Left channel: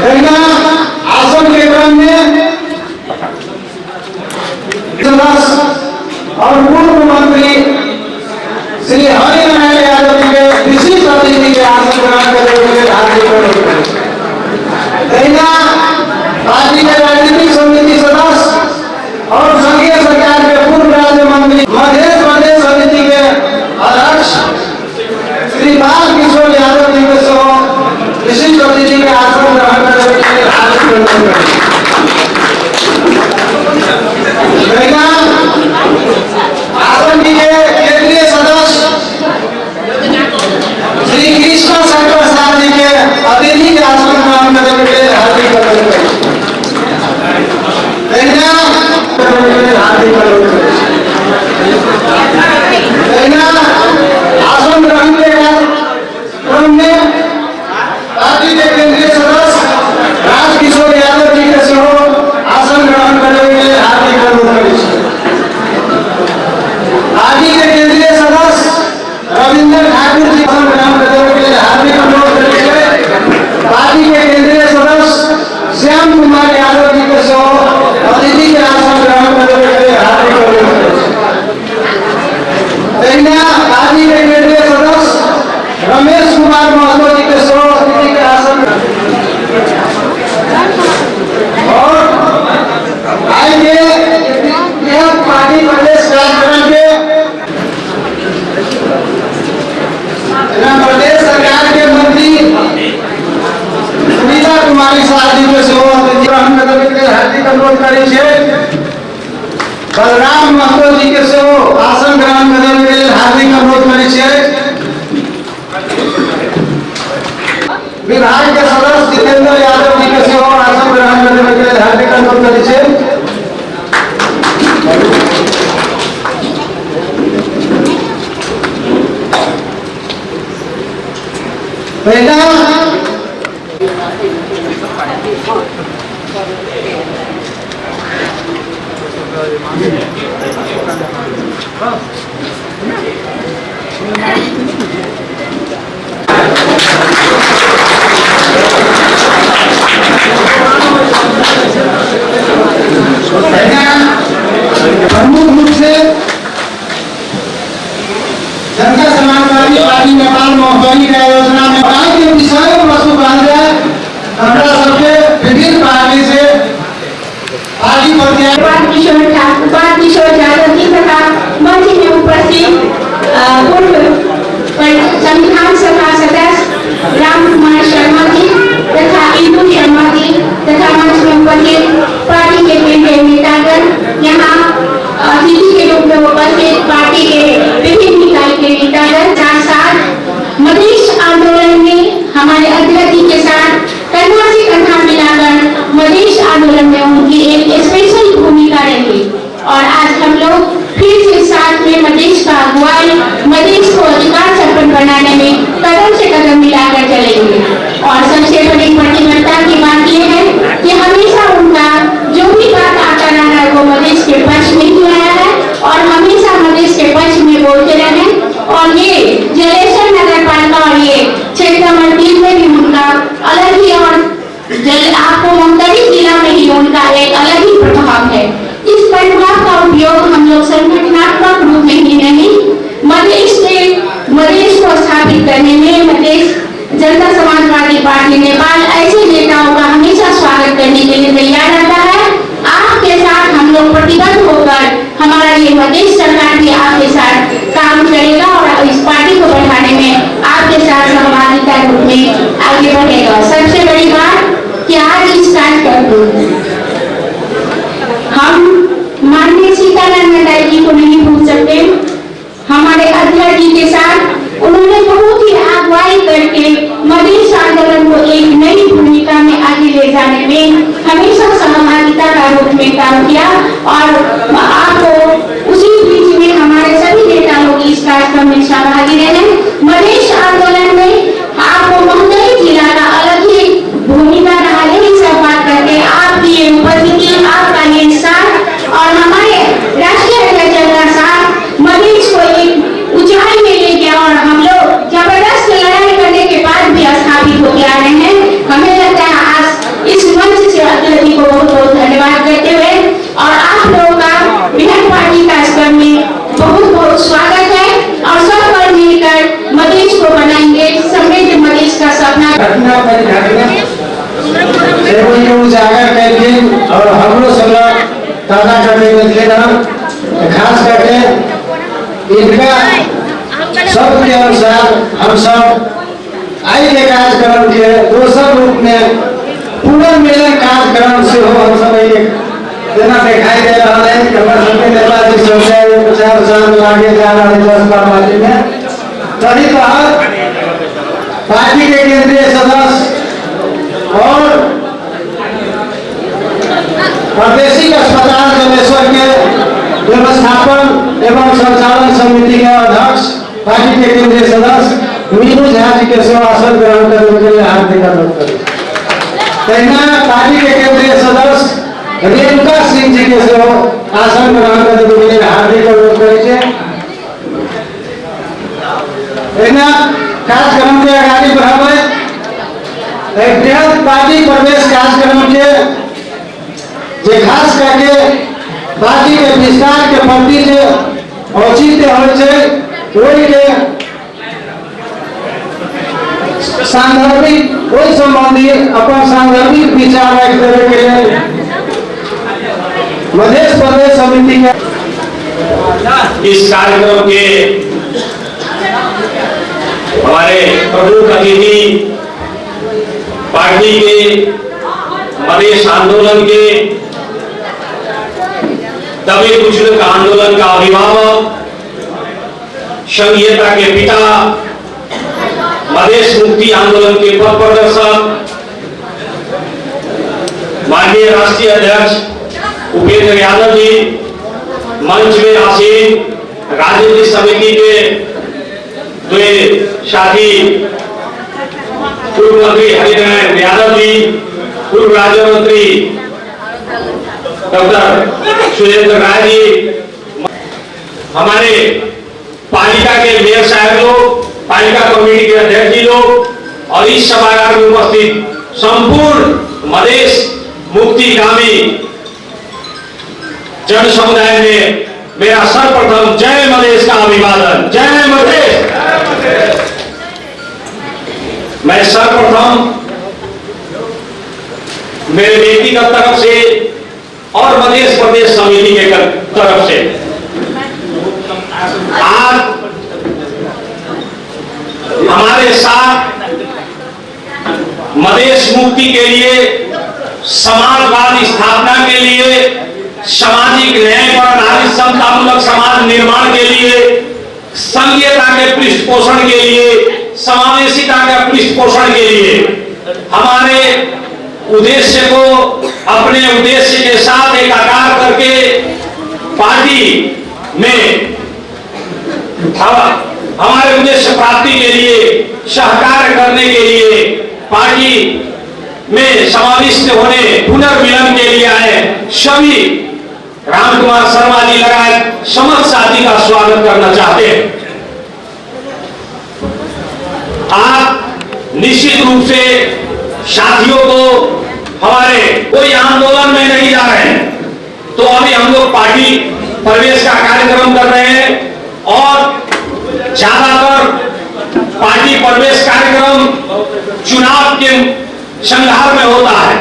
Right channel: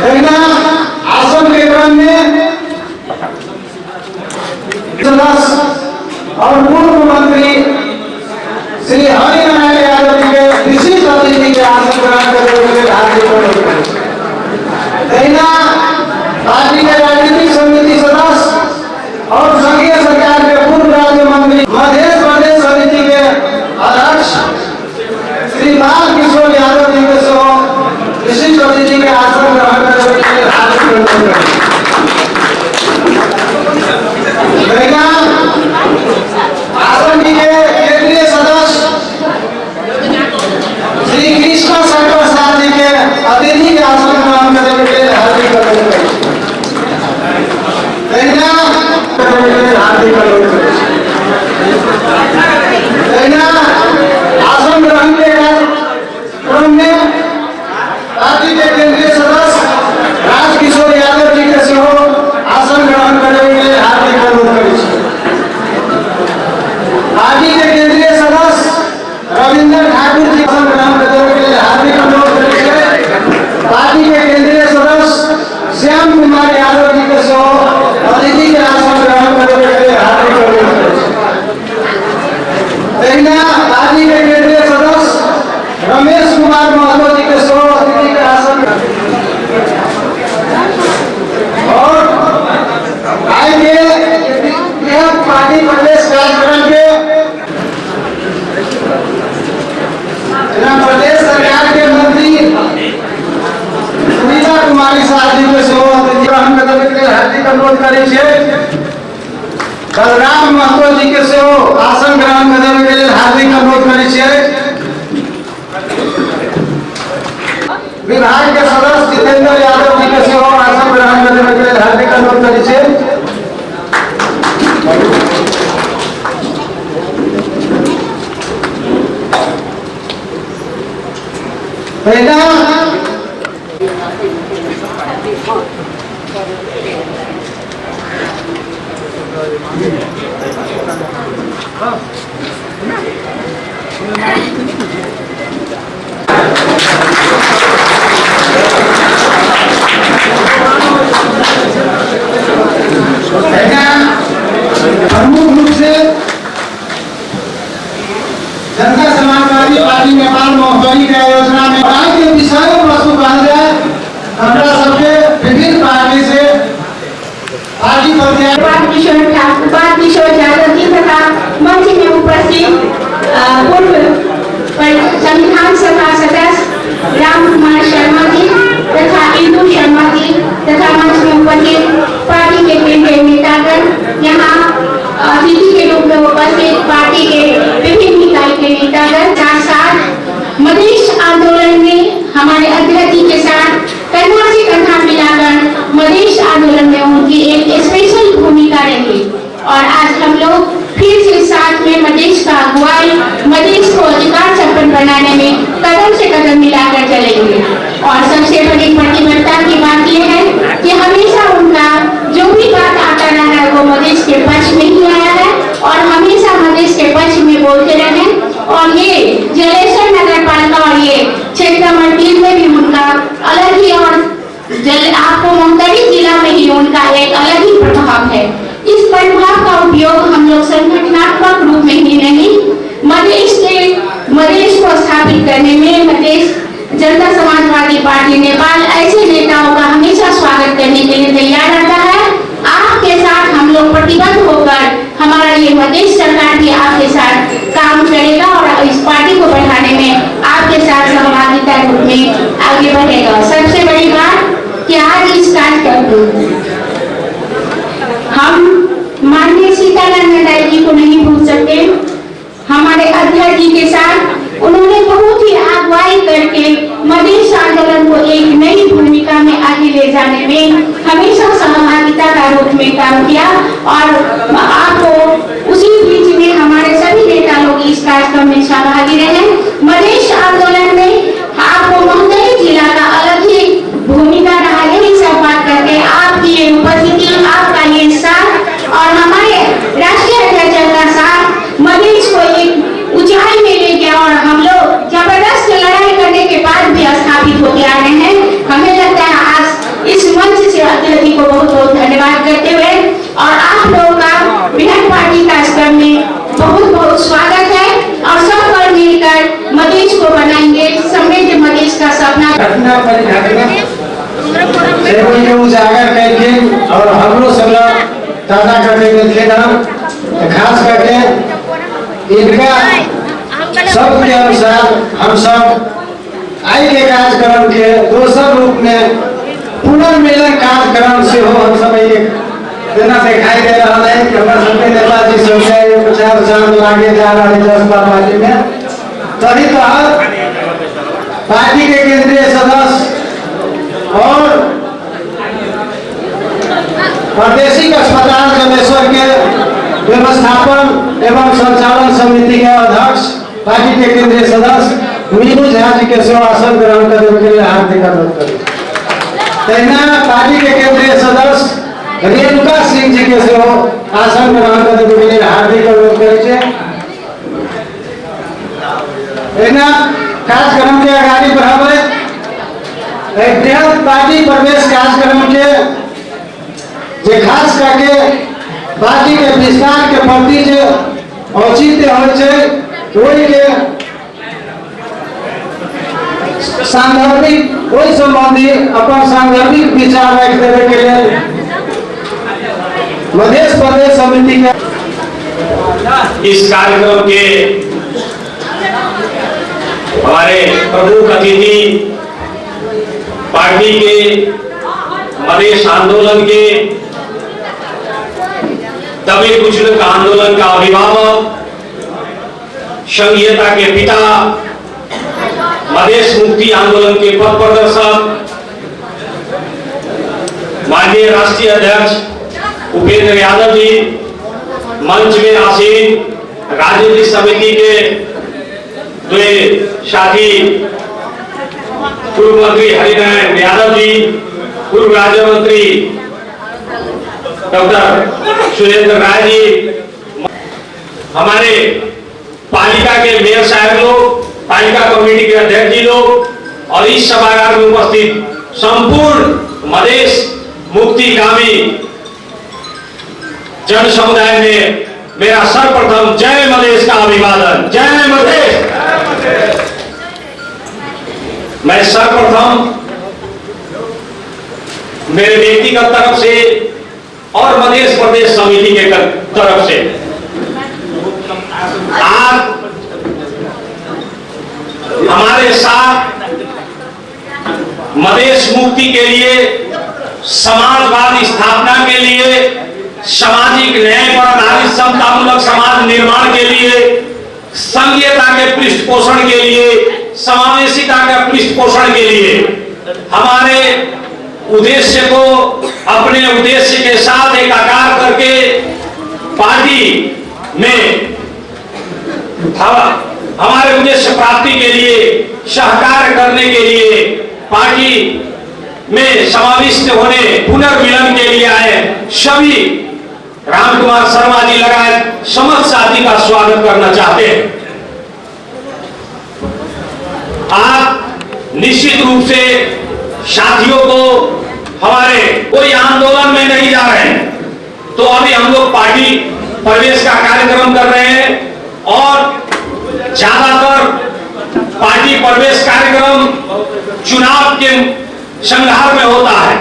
आसन के क्रम में और पूर्व मंत्री श्री हरिनारायण यादव जी के विशिष्ट अतिथि के आसन ग्रहण करते हुए हार्दिक अभिनंदन। पार्टी के राजनीतिक समिति सदस्य और संघीय सरकार के पूर्व राज्य मंत्री मध्य प्रदेश समिति के अध्यक्ष श्री बालकिशोर यादव जी के सह विशिष्ट अतिथि के आसन ग्रहण करते हुए हार्दिक अभिनंदन। आसन के केंद्रीय सदस्य श्री कृष्ण शंकर प्रसाद जी के अतिथि के आसन ग्रहण करने के लिए हार्दिक अभिनंदन। आसन ग्रहण के क्रम में पार्टी के केंद्रीय सदस्य राजकिशोर यादव जी के सह आसन ग्रहण करने के लिए हार्दिक अनुरोध करें। पार्टी के केंद्रीय सदस्य रविंद्र ठाकुर जी आसन ग्रहण करने के लिए हार्दिक अनुरोध करें। पार्टी के केंद्रीय सदस्य श्याम कुमार यादव जी के सह अतिथि के आसन ग्रहण करने के लिए हार्दिक अनुरोध करें। पार्टी के केंद्रीय सदस्य रमेश कुमार महतो जी के सह अतिथि के आसन और आएंगे यह पार्टी प्रदेश कार्यक्रम के प्रदेश सरकार के मंत्री सुनीता कुमारी साहब जी के सह अतिथि ग्रहण करने के लिए हार्दिक अनुरोध करै छै। बलराम महतो जी के सह आसन ग्रहण करने के लिए हार्दिक अनुरोध करै छै। विभाग के सदस्य जितेंद्र यादव जी के सह आसन ग्रहण करने के लिए हार्दिक अनुरोध करै छै। प्रमुख रूप से जनता समाजवादी पार्टी नेपाल महोत्सवी के योजना में राज्य विषय वस्तु हमरा सबके विभिन्न पार्टी से पार्टी किशोर यादव जी तथा मंच में उपस्थित पूर्व संविधान सभा सदस्य राम कुमार शर्मा जी तथा इंदु शर्मा जी तथा मंच में उपस्थित पार्टी के केंद्रीय नेतागण, यहाँ अतिथि के रूप में उपस्थित पार्टी के विभिन्न इकाई के नेतागण, साथ साथ मधेश आंदोलन में हमारे अध्यक्ष जी के साथ कंधा से कंधा मिलाकर मधेश आंदोलन में उनकी एक स्पेशल भूमिका रही और आज हम लोग फिर से साथ में मधेश का अगुवाई, मधेश को अधिकार संपन्न बनाने में कदम से कदम मिलाकर चलेंगे। और सबसे बड़ी प्रतिबद्धता की बात यह है कि हमेशा उनका जो भी बात आता रहा है वो मधेश के पक्ष में ही आया है और हमेशा मधेश के पक्ष में बोलते रहे। और ये जलेश्वर नगर पालिका और ये क्षेत्र नंबर 3 में भी उनका अलग ही और आपको मुंगेर जिला में ही उनका एक अलग ही प्रभाव है। इस प्रभाव का उपयोग हम लोग संगठनात्मक रूप में ही नहीं, मधेश को स्थापित करने में मधेश जनता समाजवादी पार्टी नेपाल ऐसे नेताओं का हमेशा स्वागत करने के लिए तैयार रहता है। आपके साथ हम लोग प्रतिबद्ध होकर हमारा ये मधेश सरकार भी आपके साथ काम करेगा और इस पार्टी को बढ़ाने में आपके साथ सहभागिता रूप में आगे बढ़ेगा। सबसे बड़ी बात कि आज इस कार्यक्रम में हम माननीय सीतानंद जी को नहीं भूल सकते। हमारे अध्यक्ष जी के साथ उन्होंने बहुत ही अगुवाई करके मधेश आंदोलन को एक नई भूमिका में आगे ले जाने में हमेशा सहभागिता का रूप में काम किया और आपको उसी बीच में हमारे सभी नेता लोग इस कार्यक्रम में सहभागी रहे। मधेश आंदोलन में आपको मुंगेर जिला का अलग ही भूमिका रहा है। सब बात करके आपकी ये उपस्थिति, आपका ये साथ और हमारे राष्ट्रीय अध्यक्ष का साथ मधेश को एक ऊंचाई में ले गया और हम लोग जबरदस्त लड़ाई करने के बाद भी स्थापित होकर आ रहे हैं। हमें लगता है आज बड़ी घटना से कोई के उजागर करके और हमरो सब ताजा करके मिलके ना खास करके इनका सबके अनुसार हम सब आई के कार्यक्रम के दोसर रूप में पुनर्मिलन कार्यक्रम से हो हम सब एक देना दिखाई दे रहा है कि हमारे सबके नेताजी सब प्रचार प्रसार लागे जा रहा है 10 पार्टी में तभी तहत पार्टी के केंद्रीय सदस्य और प्रादेशिक अस्पताल जलेश्वर के व्यवस्थापन एवं संचालन समिति के अध्यक्ष पार्टी के केंद्रीय सदस्य मीनू झा जी के सेवासन ग्रहण करने के लिए हार्दिक अनुरोध करें। तैना पार्टी के केंद्रीय सदस्य रेणुका सिंह जी के सेवा आसन ग्रहण करने के लिए हार्दिक अनुरोध करें। तैना कार्यक्रम के आगाड़ी बढ़ावे एक बृहद पार्टी प्रवेश कार्यक्रम के जे खास करके पार्टी के विस्तार के प्रति जे औचित्य होइ छै ओहि के सांदर्भिक ओहि संबंधी अपन सांदर्भिक विचार रख देवे के लिए मध्य प्रदेश समिति के इस कार्यक्रम के हमारे प्रमुख अतिथि पार्टी के मधेश आंदोलन के दलित बुजुर्ग आंदोलन का अभिभावक संघीयता के पिता मधेश मुक्ति आंदोलन के पथ प्रदर्शक माननीय राष्ट्रीय अध्यक्ष उपेंद्र यादव जी, मंच में आसीन राजनीतिक समिति के द्वे साथी पूर्व मंत्री हरिनारायण यादव जी, पूर्व राज्य मंत्री डॉक्टर सुरेंद्र राय जी, हमारे पालिका के मेयर साहब लोग, पालिका कमेटी के अध्यक्ष जी लोग और इस सभागार में उपस्थित संपूर्ण मधेश मुक्तिगामी जन समुदाय में मेरा सर्वप्रथम जय मधेश का अभिवादन। जय मधेश। मैं सर्वप्रथम मेरे व्यक्तिगत तरफ से और मध्य प्रदेश समिति के तरफ से आज हमारे साथ मधेश मुक्ति के लिए, समाजवाद स्थापना के लिए, सामाजिक न्याय पर आधारित समतामूलक समाज निर्माण के लिए, संघीयता के पृष्ठपोषण के लिए, समावेशिता का पृष्ठपोषण के लिए हमारे उद्देश्य को अपने उद्देश्य के साथ एकाकार करके पार्टी में हमारे उद्देश्य प्राप्ति के लिए सहकार करने के लिए पार्टी में समाविष्ट होने पुनर्मिलन के लिए आए सभी रामकुमार शर्मा जी लगाए समस्त साथी का स्वागत करना चाहते हैं। आप निश्चित रूप से साथियों को हमारे कोई आंदोलन में नहीं जा रहे हैं, तो अभी हम लोग पार्टी प्रवेश का कार्यक्रम कर रहे हैं और ज्यादातर पार्टी प्रवेश कार्यक्रम चुनाव के संघार में होता है।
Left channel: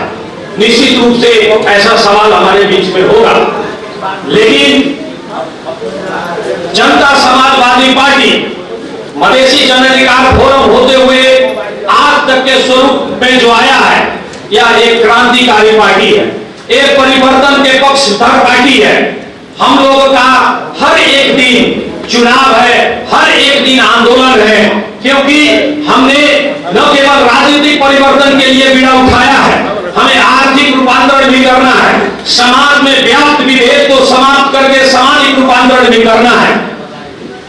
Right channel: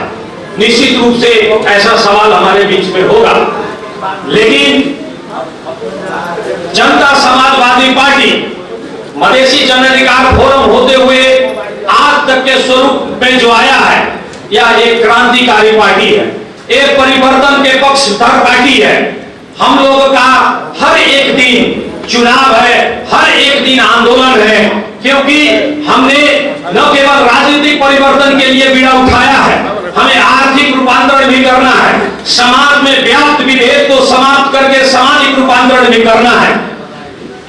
निश्चित रूप से ऐसा सवाल हमारे बीच में होगा, लेकिन जनता समाजवादी पार्टी मधेसी जन अधिकार फोरम होते हुए आज तक के स्वरूप में जो आया है, यह एक क्रांतिकारी पार्टी है, एक परिवर्तन के पक्षधर पार्टी है। हम लोगों का हर एक दिन चुनाव है, हर एक दिन आंदोलन है, क्योंकि हमने न केवल राजनीतिक परिवर्तन के लिए बीड़ा उठाया है, हमें आर्थिक रूपांतरण भी करना है, समाज में व्याप्त विभेद को समाप्त करके सामाजिक रूपांतरण भी करना है।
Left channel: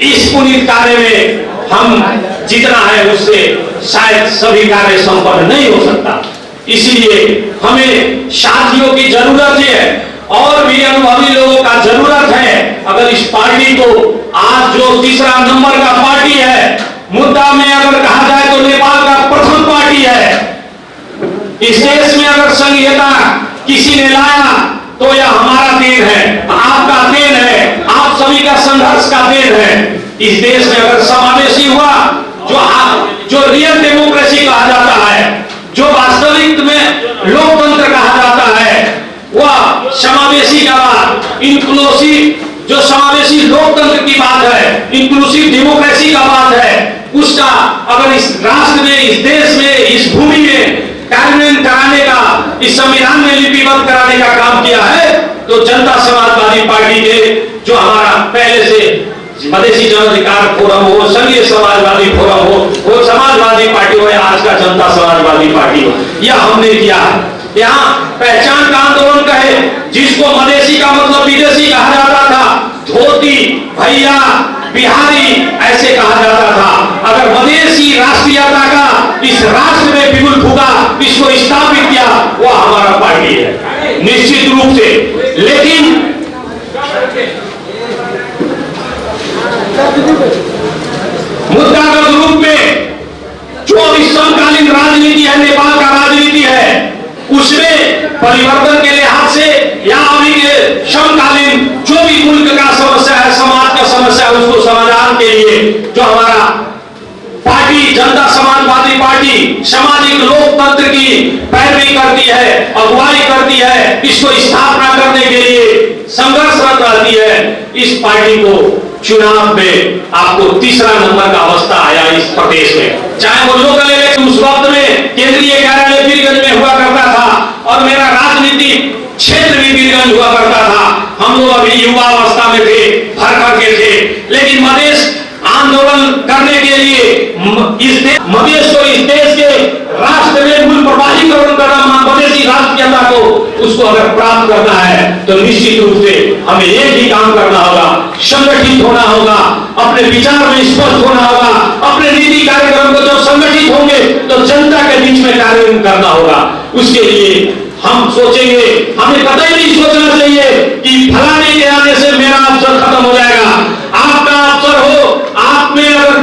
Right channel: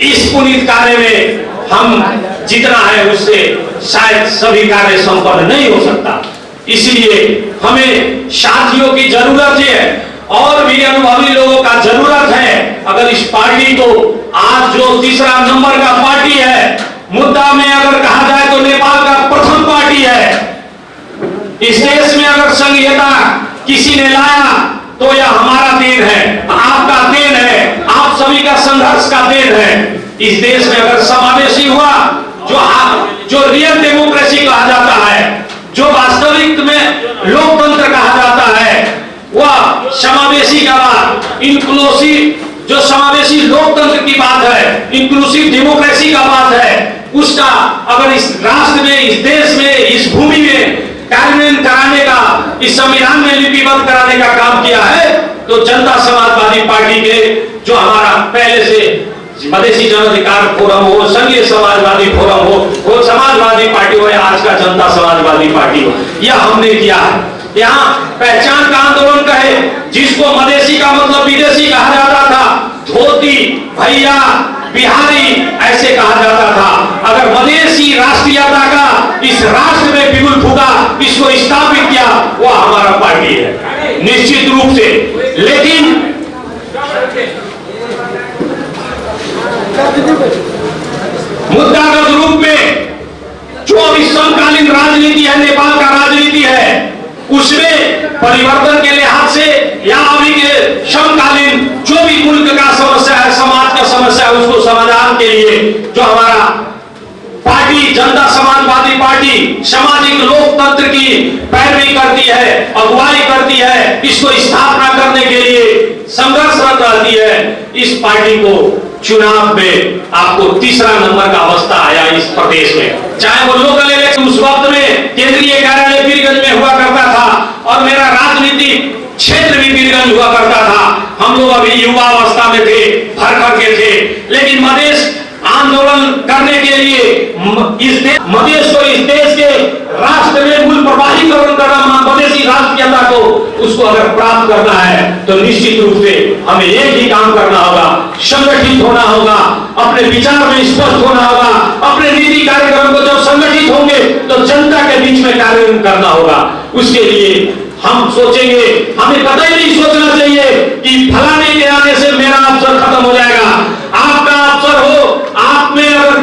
इस पुनीत कार्य में हम जितना है उससे शायद सभी कार्य संपन्न नहीं हो सकता, इसलिए हमें साथियों की जरूरत है और भी अनुभवी लोगों का जरूरत है। अगर इस पार्टी को आज जो तीसरा नंबर का पार्टी है, मुद्दा में अगर कहा जाए तो नेपाल का प्रथम पार्टी है। इस देश में अगर संघीयता किसी ने लाया तो यह हमारा देन है, आपका देन है, आप सभी का संघर्ष का देन है। इस देश में अगर समावेशी हुआ, जो रियल डेमोक्रेसी कहा जाता है, जो वास्तविक में लोकतंत्र कहा जाता है, वह समावेशी का बात, इंक्लूसिव, जो समावेशी लोकतंत्र की बात है, इंक्लूसिव डेमोक्रेसी का बात है, उसका अगर इस राष्ट्र में, इस देश में, इस भूमि में कार्यान्वयन कराने का, इस संविधान में लिपिबद्ध कराने का काम किया है, तो जनता समाजवादी पार्टी के जो हमारा पहले से मधेसी जन अधिकार फोरम हो, संघीय समाजवादी फोरम हो, वो समाजवादी पार्टी हो या आज का जनता समाजवादी पार्टी हो, यह हमने किया है। यहाँ पहचान का आंदोलन कहे, जिसको मधेसी का मतलब विदेशी कहा जाता था, धोती, भैया, बिहारी ऐसे कहा जाता था। अगर मधेसी राष्ट्रीयता का इस राष्ट्र में बिगुल फूका, इसको स्थापित किया, वह हमारा पार्टी है निश्चित रूप से। लेकिन मुद्दागत रूप में जो अभी समकालीन राजनीति है, नेपाल का राजनीति है, उसमें परिवर्तन के लिहाज से या अभी के समकालीन जो भी मुल्क का समस्या है, समाज का समस्या है, उसको समाधान के लिए जो हमारा पार्टी जनता समाजवादी पार्टी सामाजिक लोकतंत्र की पैरवी करती है, अगुवाई करती है, इसको स्थापना करने के लिए संघर्षरत रहती है, इस पार्टी को चुनाव में आपको तीसरा नंबर का अवस्था आया इस प्रदेश में। चाहे वो लोकल इलेक्शन उस वक्त में केंद्रीय कार्यालय बीरगंज में हुआ करता था और मेरा राजनीतिक क्षेत्र भी बीरगंज हुआ करता था। हम लोग अभी युवा अवस्था में थे, भर के थे, लेकिन मधेश आंदोलन करने के लिए मधेश को इस देश के राष्ट्र में मूल प्रवाहीकरण करना, मधेसी राष्ट्रीयता को उसको अगर प्राप्त करना है तो निश्चित रूप से हमें एक ही काम करना होगा, संगठित होना होगा, अपने विचार में स्पष्ट होना होगा, अपने नीति कार्यक्रम को जब संगठित होंगे तो जनता के बीच में कार्य करना होगा। उसके लिए हम सोचेंगे, हमें कतई नहीं सोचना चाहिए कि फलाने के आने से मेरा अवसर खत्म हो जाएगा। आपका अवसर हो, आप में अगर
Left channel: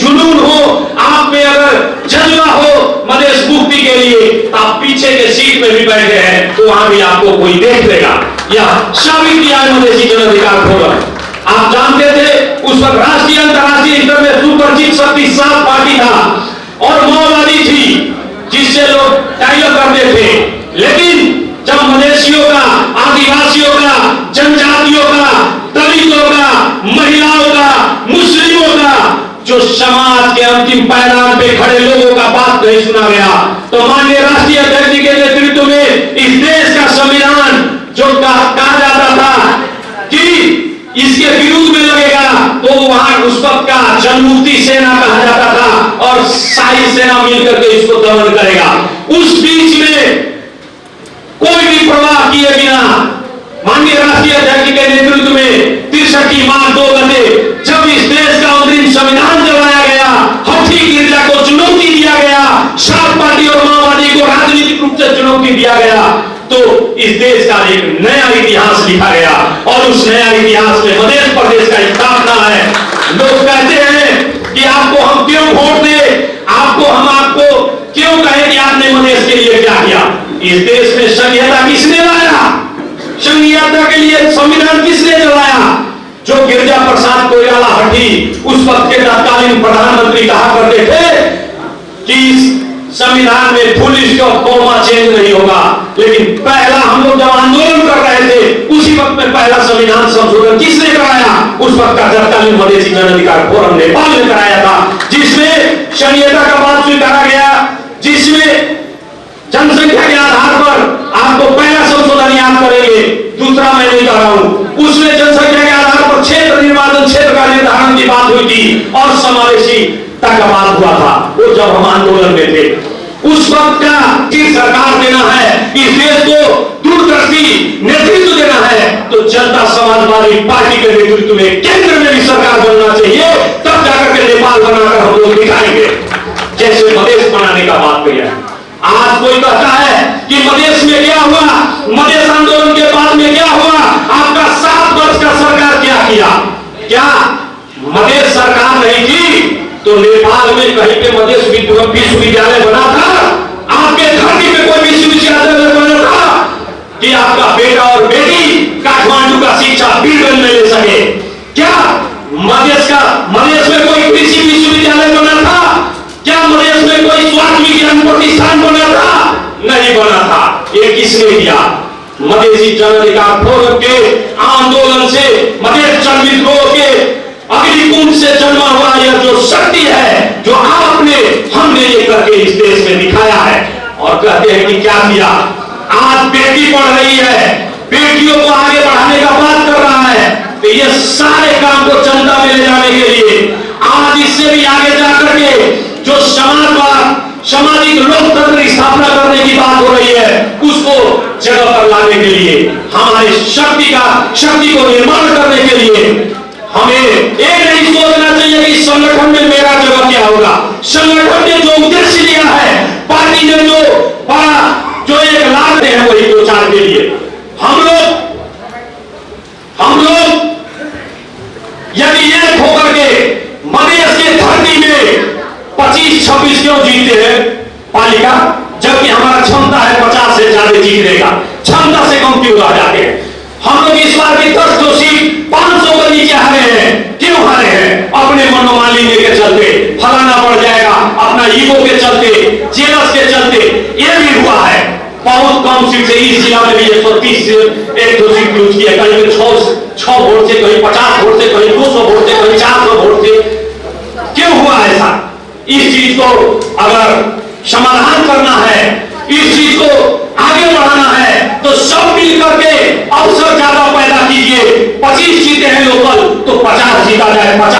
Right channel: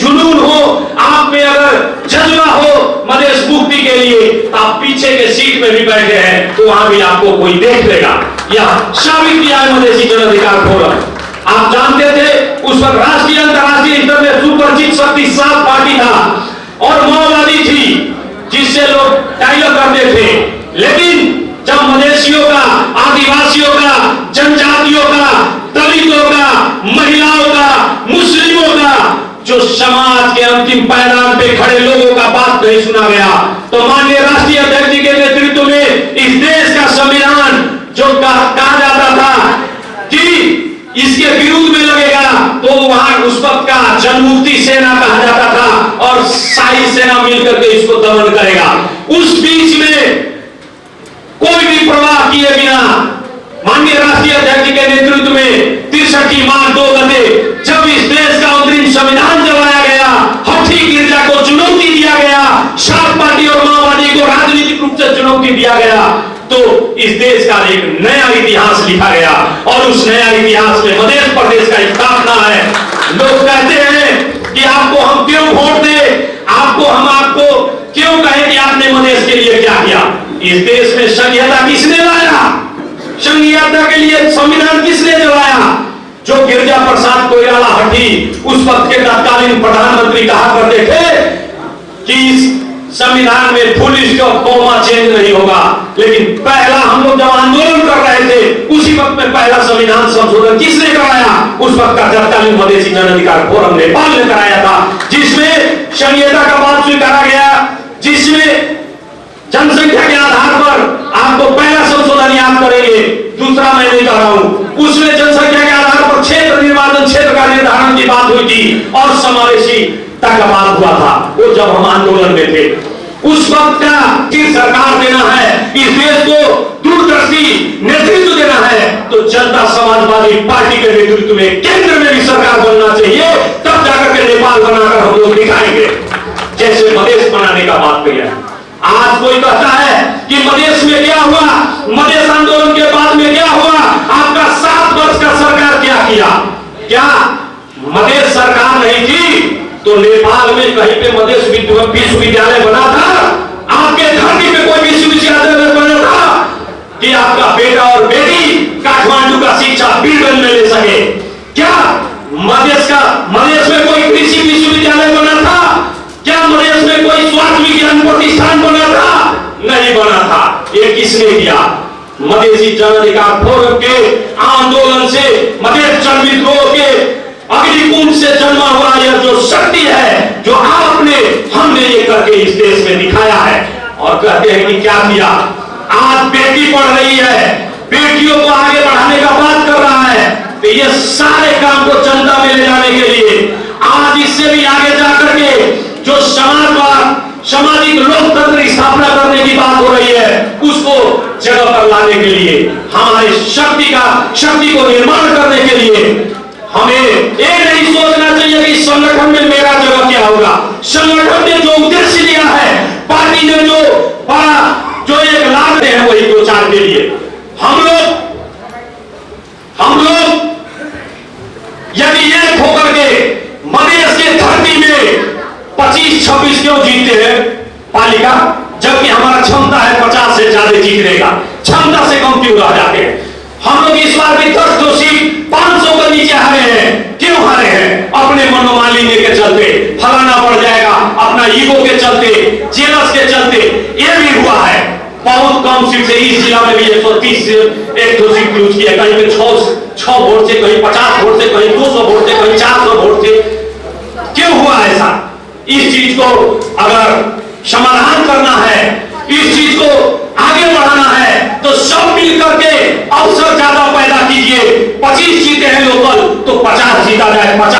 जुनून हो, आप में अगर जज्बा हो मधेश मुक्ति के लिए, आप पीछे के सीट में भी बैठे हैं तो वहां भी आपको कोई देख लेगा। यह साबित किया है मधेसी जन अधिकार फोरम। आप जानते थे उस वक्त राष्ट्रीय अंतर्राष्ट्रीय स्तर में सुपरिचित शक्ति 7 पार्टी था और माओवादी थी, जिससे लोग डायलॉग करते थे। लेकिन जब मधेसियों का, आदिवासियों का, जनजातियों का, दलितों का, महिलाओं का, मुस्लिमों का, जो समाज के अंतिम पायदान पे खड़े लोगों का बात नहीं सुना गया, तो माननीय राष्ट्रीय अध्यक्ष जी के नेतृत्व में इस देश का संविधान जो कहा जाता था कि इसके विरुद्ध में लगेगा, तो वहां उस वक्त का जनमुक्ति सेना कहा जाता था और शाही सेना मिलकर के इसको दमन करेगा। उस बीच में कोई भी प्रवाह किए बिना माननीय राष्ट्रीय अध्यक्ष जी के नेतृत्व में 63 मार्च 2 गते जब इस देश का अंतरिम संविधान जलाया गया, हठी गिरजा को चुनौती दिया गया, 7 पार्टी और माओवादी को राजनीतिक रूप से चुनौती दिया गया, तो इस देश का एक नया इतिहास लिखा गया और उस नया इतिहास में मध्य प्रदेश का स्थापना है। लोग कहते हैं कि आपको हम क्यों वोट दें, आपको क्यों कहें कि आपने मधेश के लिए क्या किया। इस देश में संघीयता किसने लाया, संघीयता के लिए संविधान किसने जलाया। जो गिरजा प्रसाद कोइराला हठी उस वक्त के तत्कालीन प्रधानमंत्री कहा करते थे कि संविधान में फुल स्टॉप कॉमा चेंज नहीं होगा, लेकिन पहला हम लोग जब आंदोलन कर रहे थे उसी वक्त में पहला संविधान संशोधन किसने कराया, उस वक्त का तत्कालीन मधेसी जन अधिकार फोरम नेपाल ने कराया था, जिसमें संघीयता का बात स्वीकारा गया, जिसमें जनसंख्या के आधार पर आपको पहला संशोधन याद करेंगे, दूसरा मैं नहीं कह रहा हूं, उसमें जनसंख्या के आधार पर क्षेत्र निर्वाचन क्षेत्र का निर्धारण की बात हुई थी और समावेशी का बात हुआ था। वो जब हम आंदोलन में थे उस वक्त का सरकार देना है, इस देश को दूरदर्शी नेतृत्व देना है, तो जनता समाजवादी पार्टी के नेतृत्व में केंद्र में भी सरकार बनना चाहिए, तब जाकर के नेपाल बनाकर हम लोग दिखाएंगे जैसे मधेश बनाने का बात किया। आज कोई कहता है कि मधेश में क्या हुआ, मधेश आंदोलन के बाद में क्या हुआ, आपका 7 वर्ष का सरकार क्या किया। क्या मधेश सरकार नहीं थी तो नेपाल में कहीं पे मधेश विश्वविद्यालय बना था, आपके धरती पे कोई विश्वविद्यालय बना था कि आपका बेटा और बेटी काठमांडू का शिक्षा बीरगंज में ले सके। क्या मधेश में कोई कृषि विश्वविद्यालय बना था क्या मधेश में कोई स्वास्थ्य विज्ञान प्रतिष्ठान बना था? नहीं बना था। ये किसने किया? मधेसी जन अधिकार फोरम के आंदोलन से, मधेश जन विद्रोह के अग्निकुंड से जन्मा हुआ यह जो शक्ति है, जो हमने ये करके इस देश में दिखाया है। और कहते हैं कि क्या किया? आज बेटी पढ़ रही है, बेटियों को आगे बढ़ाने का बात कर रहा है, तो ये सारे काम को जनता में ले जाने के लिए आज इससे भी आगे जाकर के जो समाजवाद, सामाजिक लोकतंत्र की स्थापना करने की बात हो रही है, उसको जगह पर लाने के लिए, हमारी शक्ति को निर्माण करने के लिए हमें ये नहीं सोचना चाहिए कि संगठन में मेरा जगह क्या होगा। संगठन ने जो उद्देश्य लिया है, पार्टी ने जो एक लाभ है, वही 2-4 के लिए हम लोग यदि एक होकर के मधेश की धरती में 25-26 क्यों जीतते हैं पालिका, जबकि हमारा क्षमता है 50 से ज्यादा जीतने का, क्षमता से कम क्यों रह जाते हैं? हम लोग इस बार की 10 जो सीट 500 के नीचे हारे हैं। क्यों हारे हैं? अपने मनोमालिन्य के चलते, फलाना बढ़ जाएगा, अपना ईगो के चलते, जेलस के चलते ये भी हुआ है। बहुत कम सीट से इस जिला में भी 130 से 1-2 सीट यूज किया, कहीं पे 6 वोट से, कहीं 50 वोट से, कहीं 200 वोट से, कहीं 400 वोट से। क्यों हुआ ऐसा? इस चीज को अगर समाधान करना है, इस चीज को आगे बढ़ाना है, तो सब मिलकर के अवसर ज्यादा पैदा कीजिए। 25 सीटें हैं लोकल, तो 50 जीता जाए। 50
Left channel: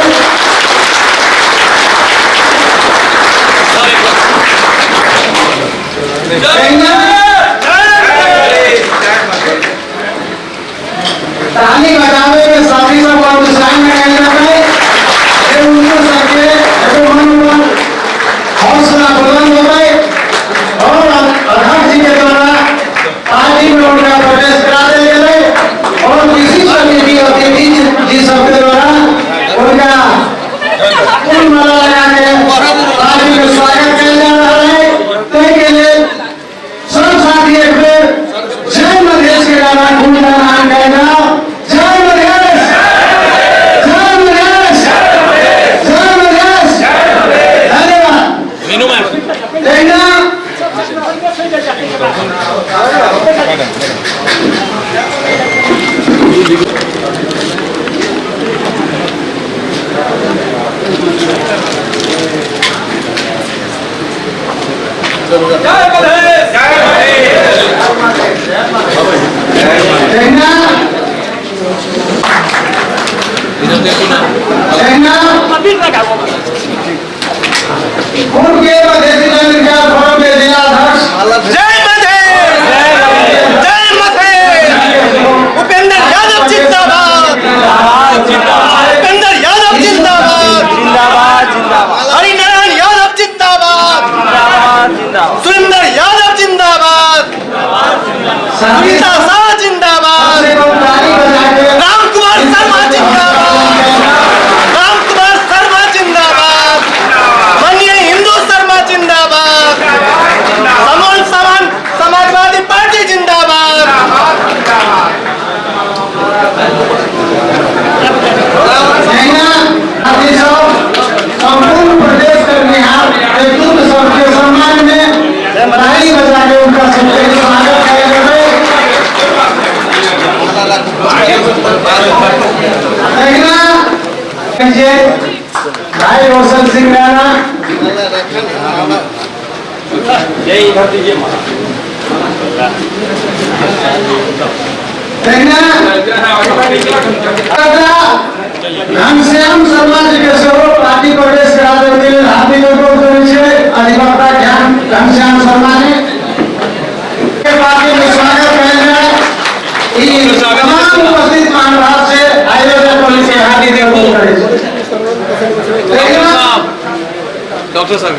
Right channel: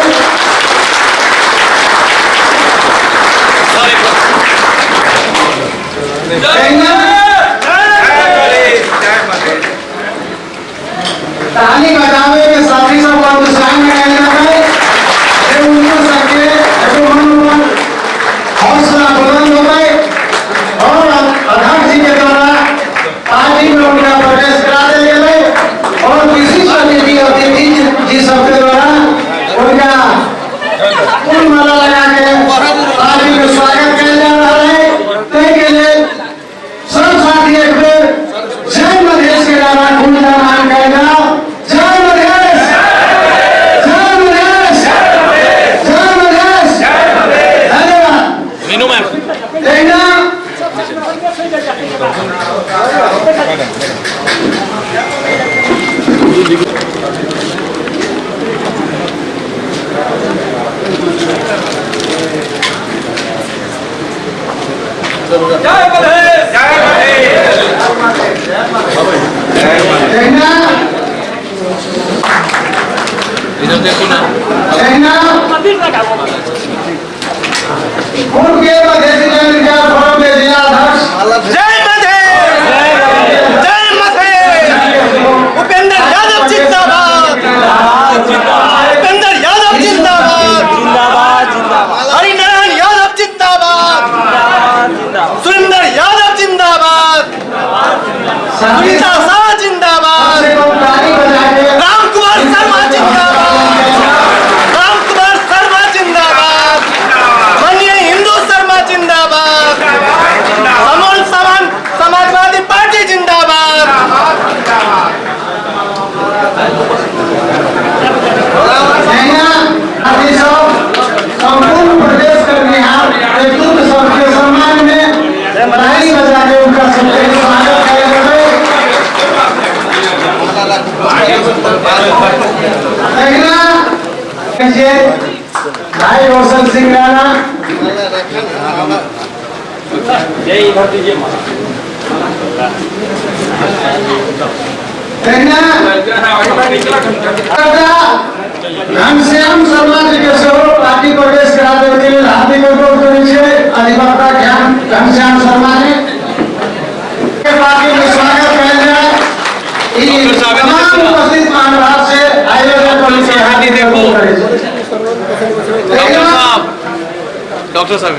ताली बजावे के साथी सब प्रोत्साहन में कहना है, उनको सबके मनोबल हौसला बुलंद हो गए और अध्यक्ष जी के द्वारा पार्टी में उनका प्रवेश करा दिया गया और विशिष्ट अतिथि जी सबके द्वारा उनका फूल माला लगा के पार्टी में स्वागत किया जा रहा है। के लिए सब साथी एक बार जय मधेश के नारा गुणगान कहना, जय मधेश, जय मधेश, जय मधेश। धन्यवाद। कहना उनके मधेसी जन अधिकार फोरम के जिलाध्यक्ष जय मधेश, जय मधेश। उपेंद्र यादव जिंदाबाद, उपेंद्र यादव जिंदाबाद, हरिनारायण यादव जिंदाबाद, सुरेंद्र यादव जिंदाबाद, सुनीता शाह जिंदाबाद, रामकुमार शर्मा जिंदाबाद, रामकुमार शर्मा जिंदाबाद, माननीय हिंदू शर्मा जिंदाबाद, समोल समान समाजवादी पार्टी जिंदाबाद। संपूर्ण प्रदेश के बिहार नेतृत्व सबके सम्मान में ताली बजा के उनका सबके स्वागत किया जाए। भाई रोशन सिंह राणा जय इधर दीजिए। घनश्याम शर्मा जी के स्वरूप पार्टी प्रवेश करा देते हैं। हार्दिक अभिनंदन से अधिवक्ता घनश्याम शर्मा ने पार्टी में स्वागत किया जाए। तमाम उपस्थित महानुभाव से आयोजक कमेटी हार्दिक डॉक्टर साहब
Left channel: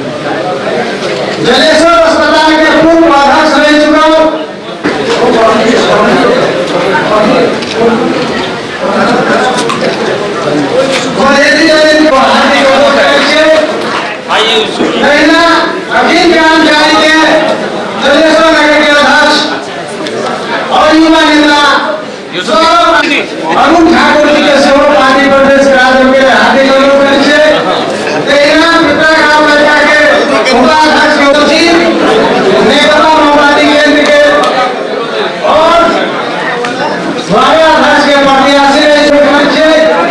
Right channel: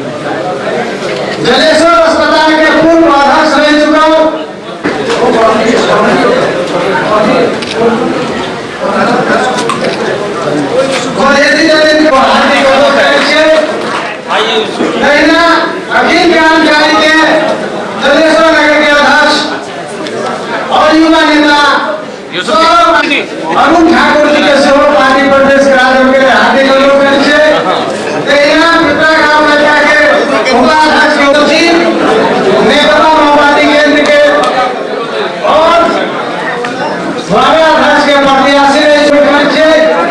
जलेश्वर अस्पताल के पूर्व अध्यक्ष रह चुका अखिल क्रांतिकारी के जलेश्वर नगर के अध्यक्ष और युवा नेता अरुण ठाकुर